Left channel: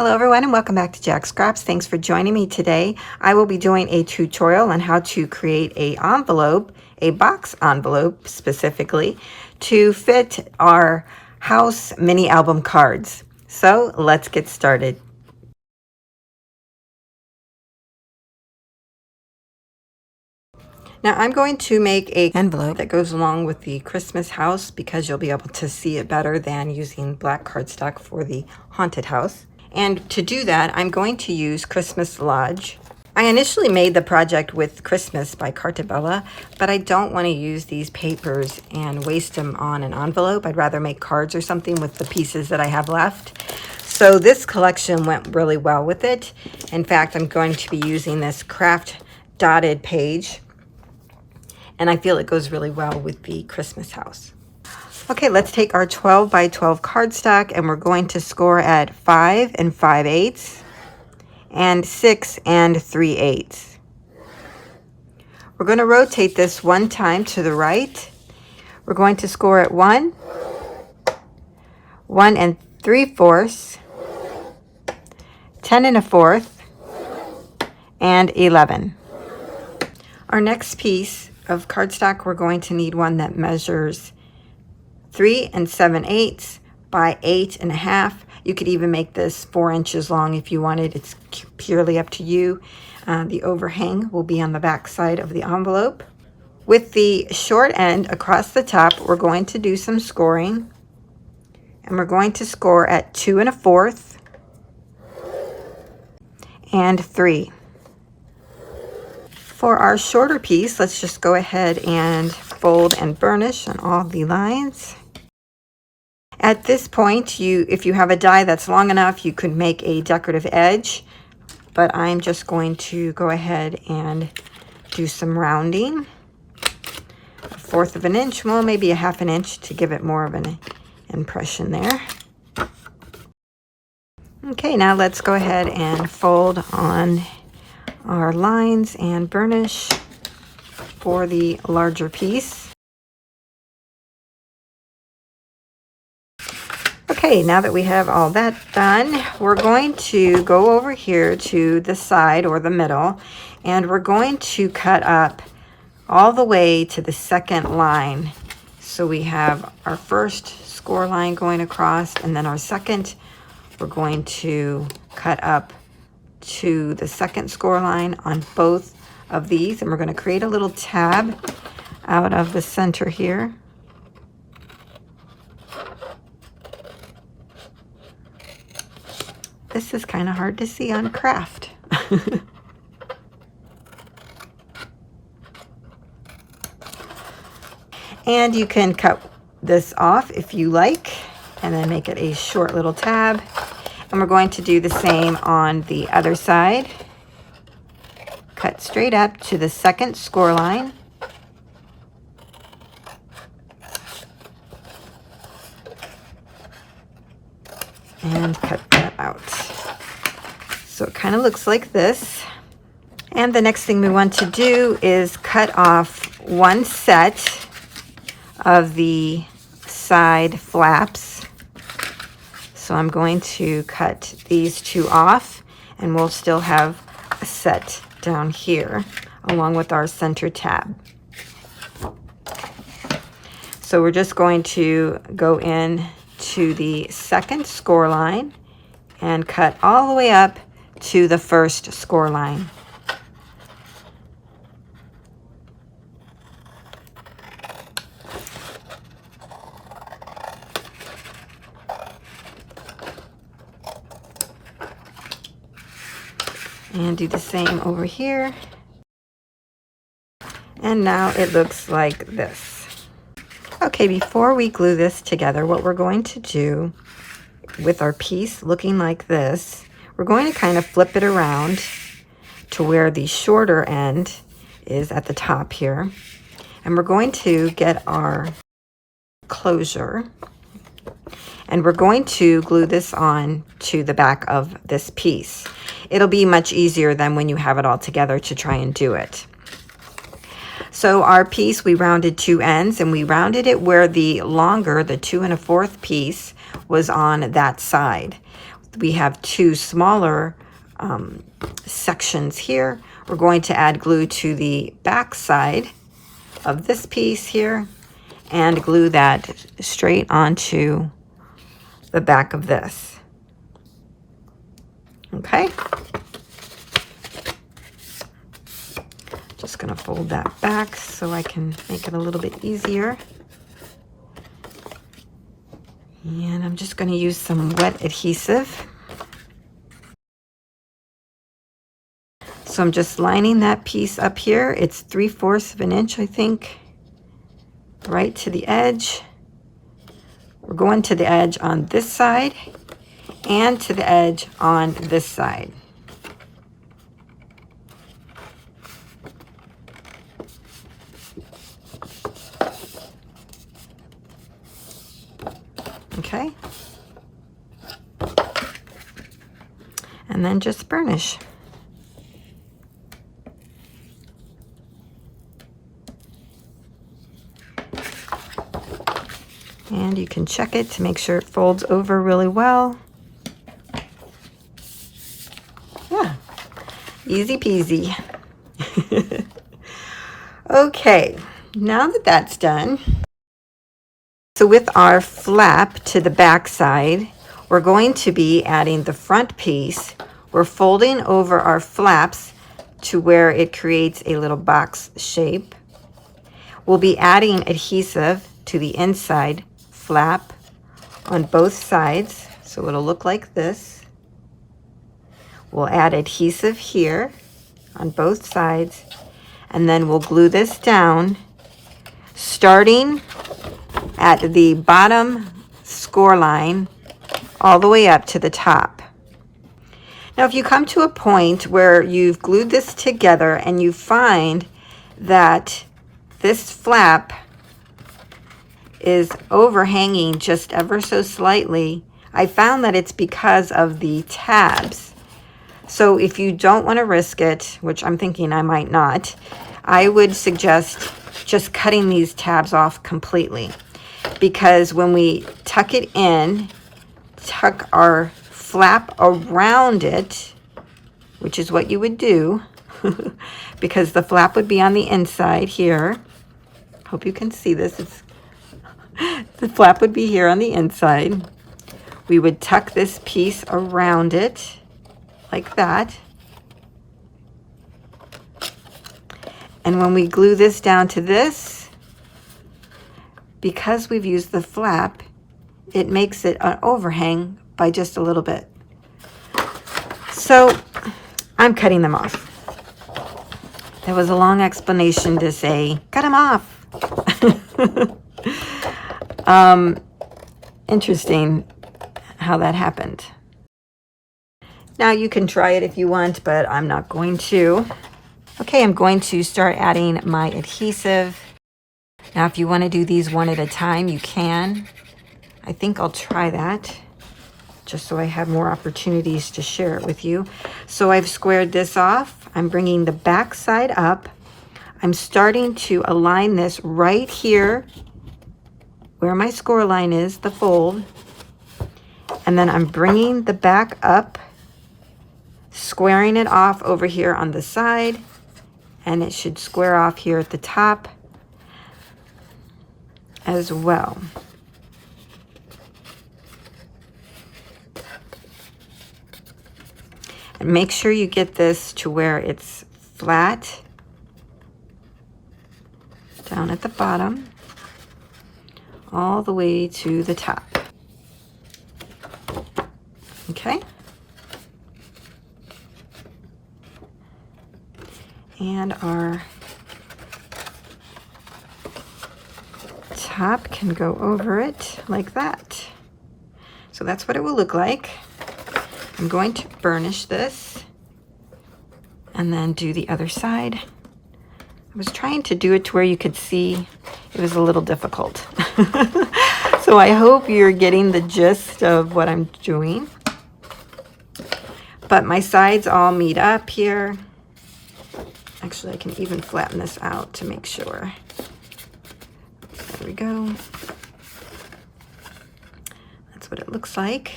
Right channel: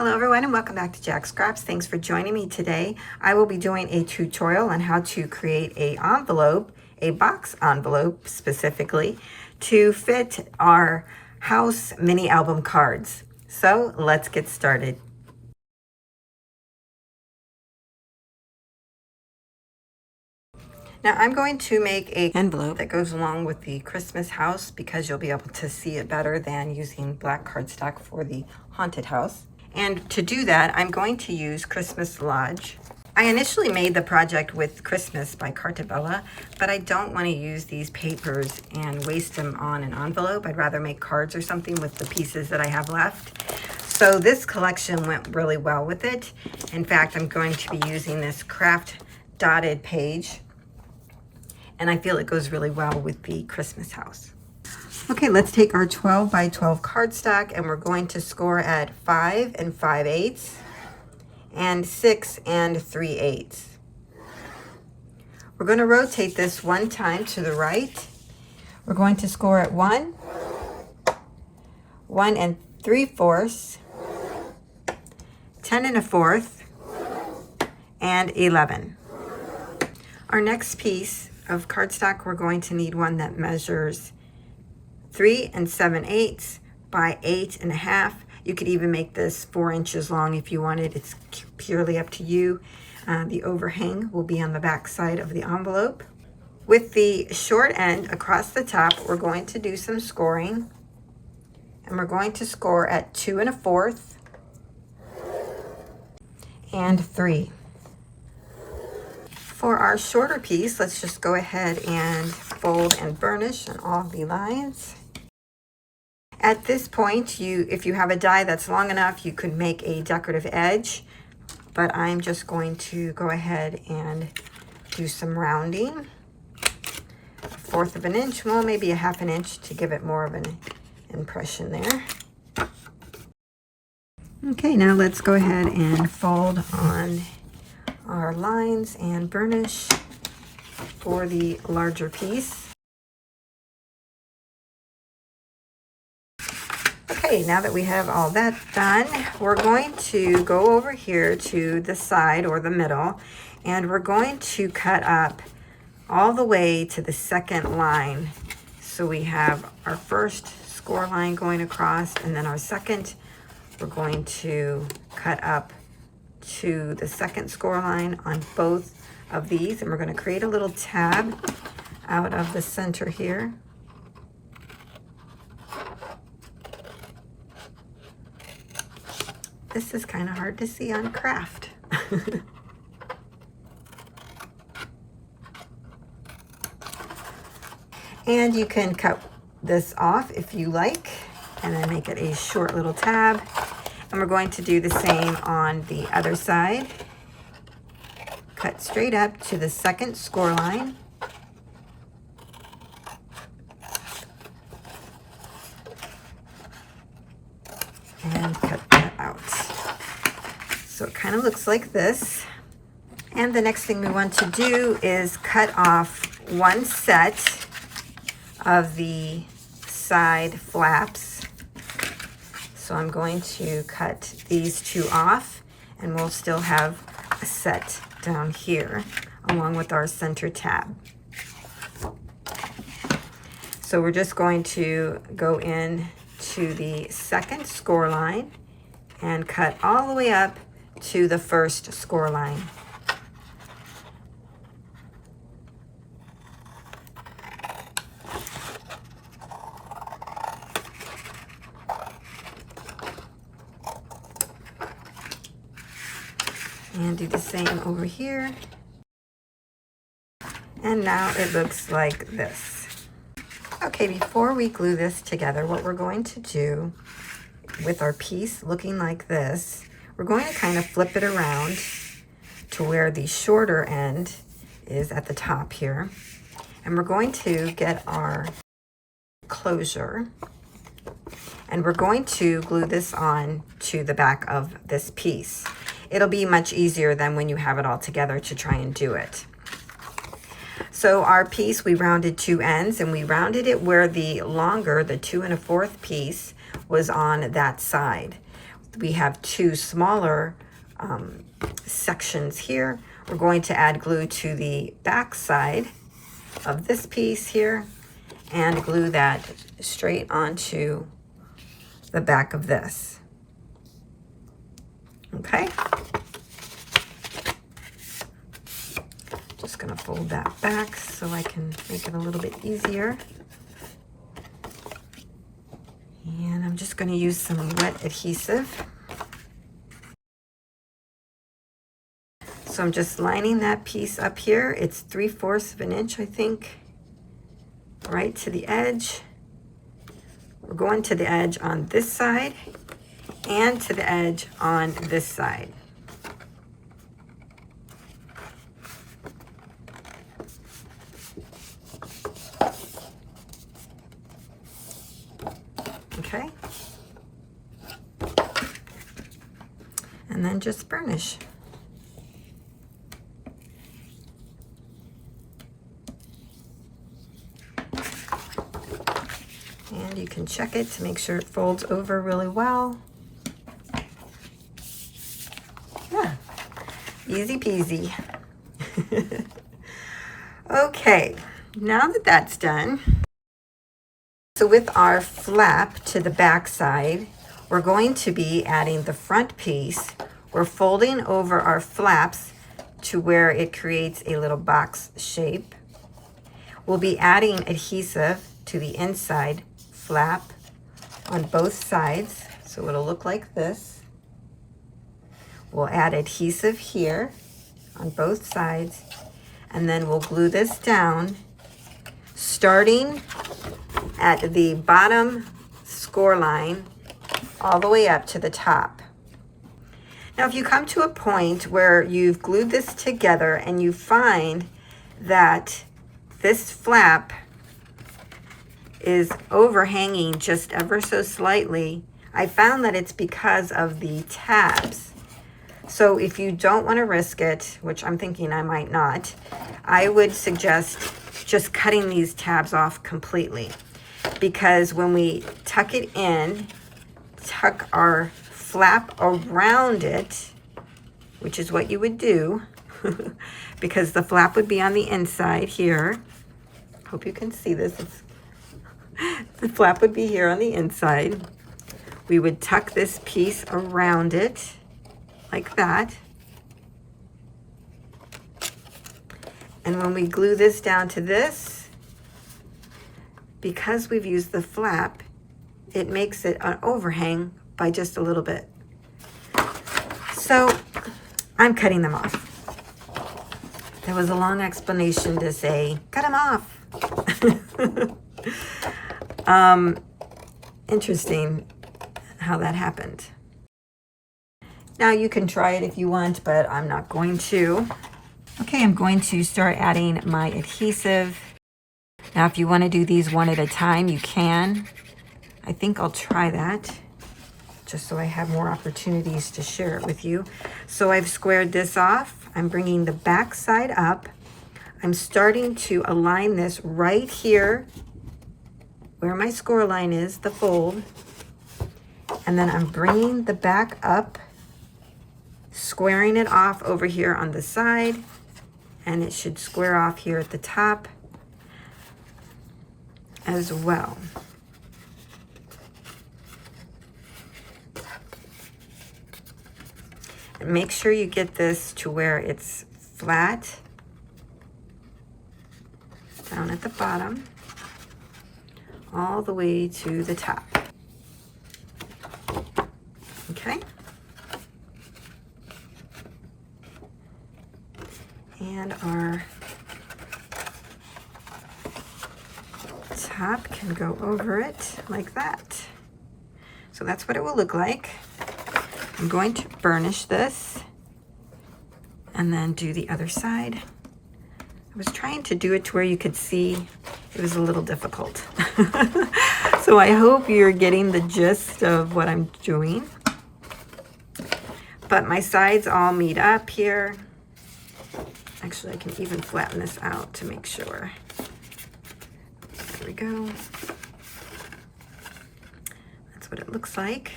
Hello everyone and welcome back to Jacqs. Thanks for joining me today. I will be doing a tutorial on how to create a envelope, a box envelope specifically, to fit our house mini album cards. So let's get started. Now I'm going to make an envelope that goes along with the Christmas house because you'll be able to see it better than using black cardstock for the haunted house. And to do that, I'm going to use Christmas Lodge. I initially made the project with Christmas by Cartabella, but I don't want to use these papers and waste them on an envelope. I'd rather make cards or something with the pieces that I have left. So this collection went really well with it. In fact, I'm going to be using this craft dotted page, and I feel it goes really well with the Christmas house. Okay, let's take our 12 by 12 cardstock and we're going to score at 5 5/8 and 6 3/8. We're going to rotate this one time to the right. We're going to score at 1, 1 3/4, 10 1/4, and 11. Our next piece of cardstock, we're going to need one that measures 3 7/8 by 8 1/2. You could even make this 4 inches long if you wanted. It's purely up to you. The overhang will be on the back side of the envelope. With the short end across the top, we're going to do some scoring. And we're going to score at 2 1/4 and 3. For our shorter piece, let's just go ahead and fold and burnish on all the lines. At this point, if you have a die that's long enough, you could make a decorative edge, but I'm just going to go ahead and do some rounding. 1/4 of an inch, well, maybe a 1/2 inch to give it more of an impression there. Okay, now let's go ahead and fold on our lines and burnish for the larger piece. Okay, now that we have all that done, we're going to go over here to the side or the middle, and we're going to cut up all the way to the second line. So we have our first score line going across, and then our second, we're going to cut up to the second score line on both of these, and we're going to create a little tab out of the center here. This is kind of hard to see on craft. And you can cut this off if you like, and then make it a short little tab. And we're going to do the same on the other side. Cut straight up to the second score line. And cut that out. So it kind of looks like this. And the next thing we want to do is cut off one set of the side flaps. So I'm going to cut these two off, and we'll still have a set down here along with our center tab. So we're just going to go in to the second score line and cut all the way up to the first score line. And do the same over here. And now it looks like this. Okay, before we glue this together, what we're going to do with our piece looking like this, we're going to kind of flip it around to where the shorter end is at the top here. And we're going to get our closure, and we're going to glue this on to the back of this piece. It'll be much easier than when you have it all together to try and do it. So our piece, we rounded two ends, and we rounded it where the longer, the 2 1/4 piece, was on that side. we have two smaller sections here. We're going to add glue to the back side of this piece here and glue that straight onto the back of this. Okay. Just gonna fold that back so I can make it a little bit easier. And I'm just gonna use some wet adhesive. So I'm just lining that piece up here. It's 3/4 of an inch, I think, right to the edge. We're going to the edge on this side and to the edge on this side. Okay. And then just burnish. And you can check it to make sure it folds over really well. Yeah, easy peasy. Okay, now that that's done, so with our flap to the back side, we're going to be adding the front piece. We're folding over our flaps to where it creates a little box shape. We'll be adding adhesive to the inside flap on both sides, so it'll look like this. We'll add adhesive here on both sides, and then we'll glue this down, starting at the bottom score line all the way up to the top. Now, if you come to a point where you've glued this together and you find that this flap is overhanging just ever so slightly, I found that it's because of the tabs. So if you don't want to risk it, which I'm thinking I might not, I would suggest just cutting these tabs off completely, because when we tuck it in, tuck our flap around it, which is what you would do, because the flap would be on the inside here. Hope you can see this. The flap would be here on the inside. We would tuck this piece around it like that. And when we glue this down to this, because we've used the flap, it makes it an overhang by just a little bit. So I'm cutting them off. There was a long explanation to say, cut them off. Interesting how that happened. Now you can try it if you want, but I'm not going to. Okay, I'm going to start adding my adhesive. Now, if you want to do these one at a time, you can. I think I'll try that, just so I have more opportunities to share it with you. So I've squared this off. I'm bringing the back side up. I'm starting to align this right here where my score line is, the fold. And then I'm bringing the back up, squaring it off over here on the side, and it should square off here at the top as well. And make sure you get this to where it's flat down at the bottom, all the way to the top. Okay. And our top can go over it like that. So that's what it will look like. I'm going to burnish this and then do the other side. I was trying to do it to where you could see. It was a little difficult. So I hope you're getting the gist of what I'm doing. But my sides all meet up here. Actually, I can even flatten this out to make sure. There we go. That's what it looks like.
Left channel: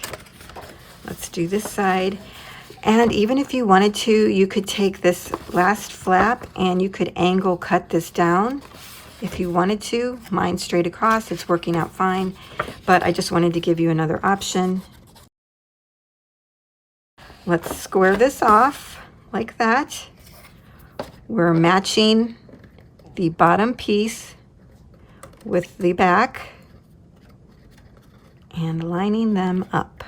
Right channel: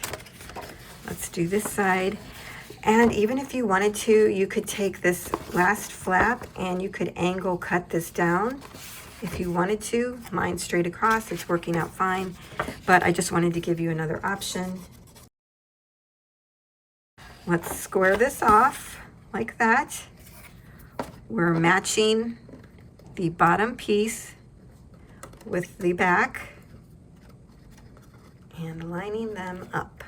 Let's do this side. And even if you wanted to, you could take this last flap and you could angle cut this down if you wanted to. Mine straight across, it's working out fine, but I just wanted to give you another option. Let's square this off like that. We're matching the bottom piece with the back and lining them up.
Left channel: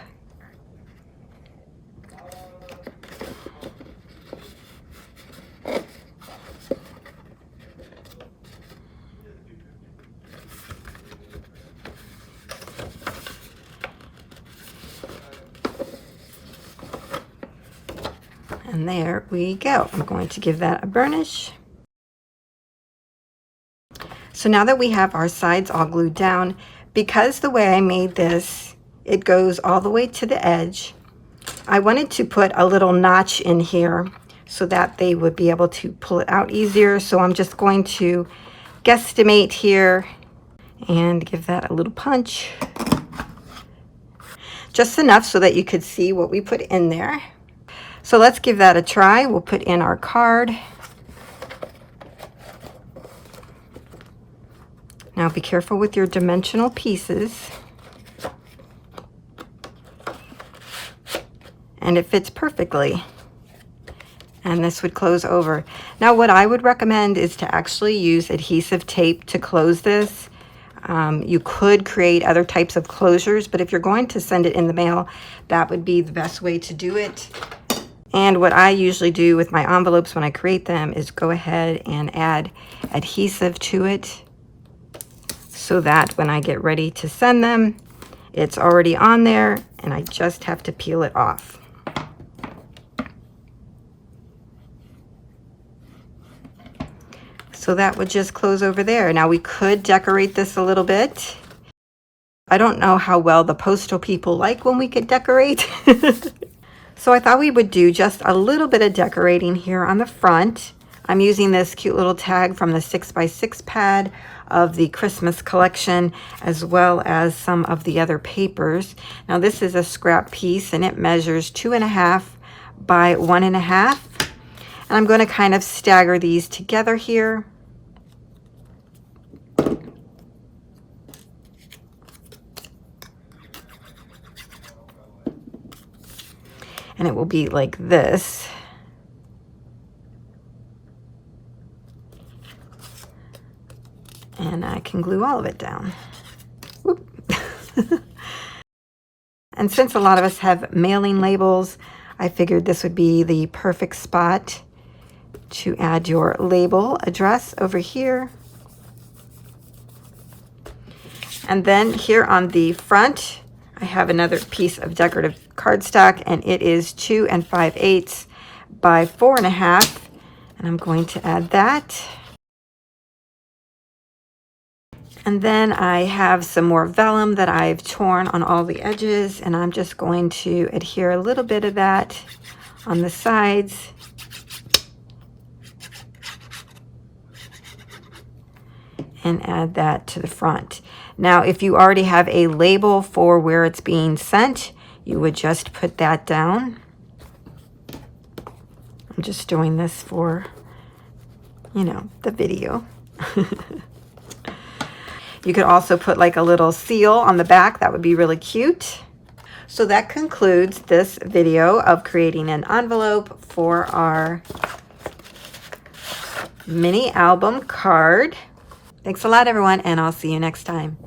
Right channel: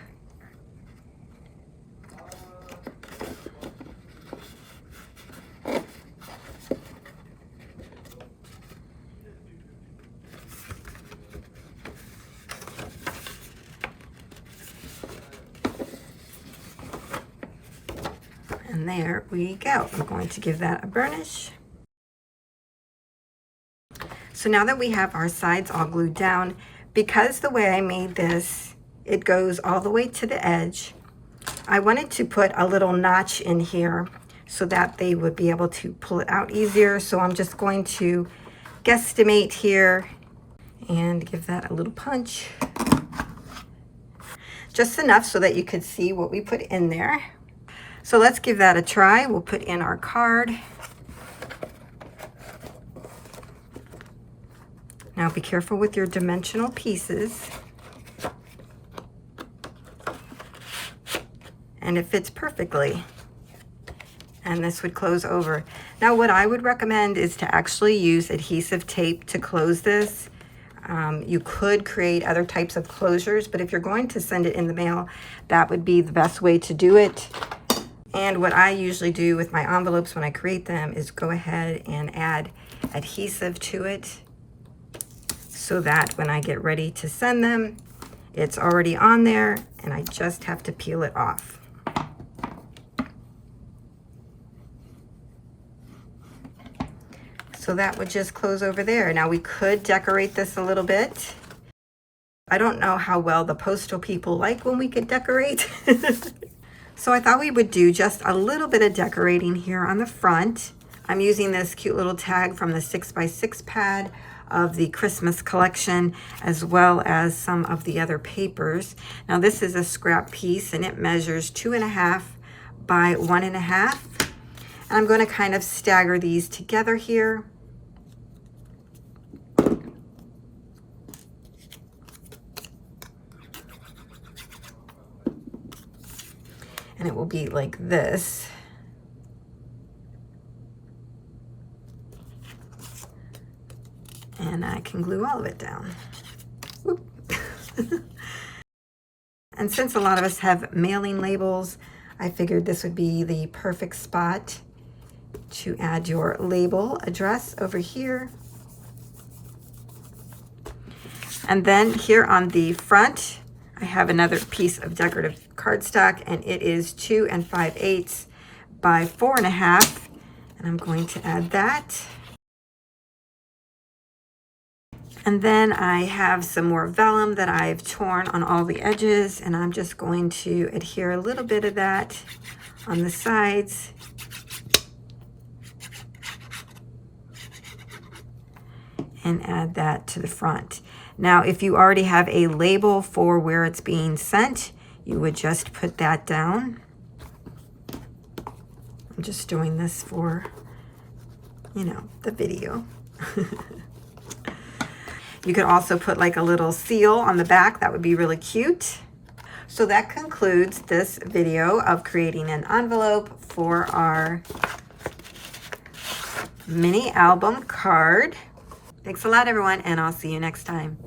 And there we go. I'm going to give that a burnish. So now that we have our sides all glued down, because the way I made this, it goes all the way to the edge, I wanted to put a little notch in here so that they would be able to pull it out easier. So I'm just going to guesstimate here and give that a little punch. Just enough so that you could see what we put in there. So let's give that a try. We'll put in our card. Now be careful with your dimensional pieces. And it fits perfectly. And this would close over. Now what I would recommend is to actually use adhesive tape to close this. You could create other types of closures, but if you're going to send it in the mail, that would be the best way to do it. And what I usually do with my envelopes when I create them is go ahead and add adhesive to it so that when I get ready to send them, it's already on there and I just have to peel it off. So that would just close over there. Now we could decorate this a little bit. I don't know how well the postal people like when we could decorate. So I thought we would do just a little bit of decorating here on the front. I'm using this cute little tag from the 6x6 pad of the Christmas collection, as well as some of the other papers. Now this is a scrap piece and it measures 2.5 by 1.5. And I'm going to kind of stagger these together here. And it will be like this. And I can glue all of it down. Whoop. And since a lot of us have mailing labels, I figured this would be the perfect spot to add your label address over here. And then here on the front, I have another piece of decorative cardstock, and it is 2 5/8 by 4.5, and I'm going to add that. And then I have some more vellum that I've torn on all the edges, and I'm just going to adhere a little bit of that on the sides. And add that to the front. Now, if you already have a label for where it's being sent, you would just put that down. I'm just doing this for, you know, the video. You could also put like a little seal on the back. That would be really cute. So that concludes this video of creating an envelope for our mini album card. Thanks a lot, everyone, and I'll see you next time.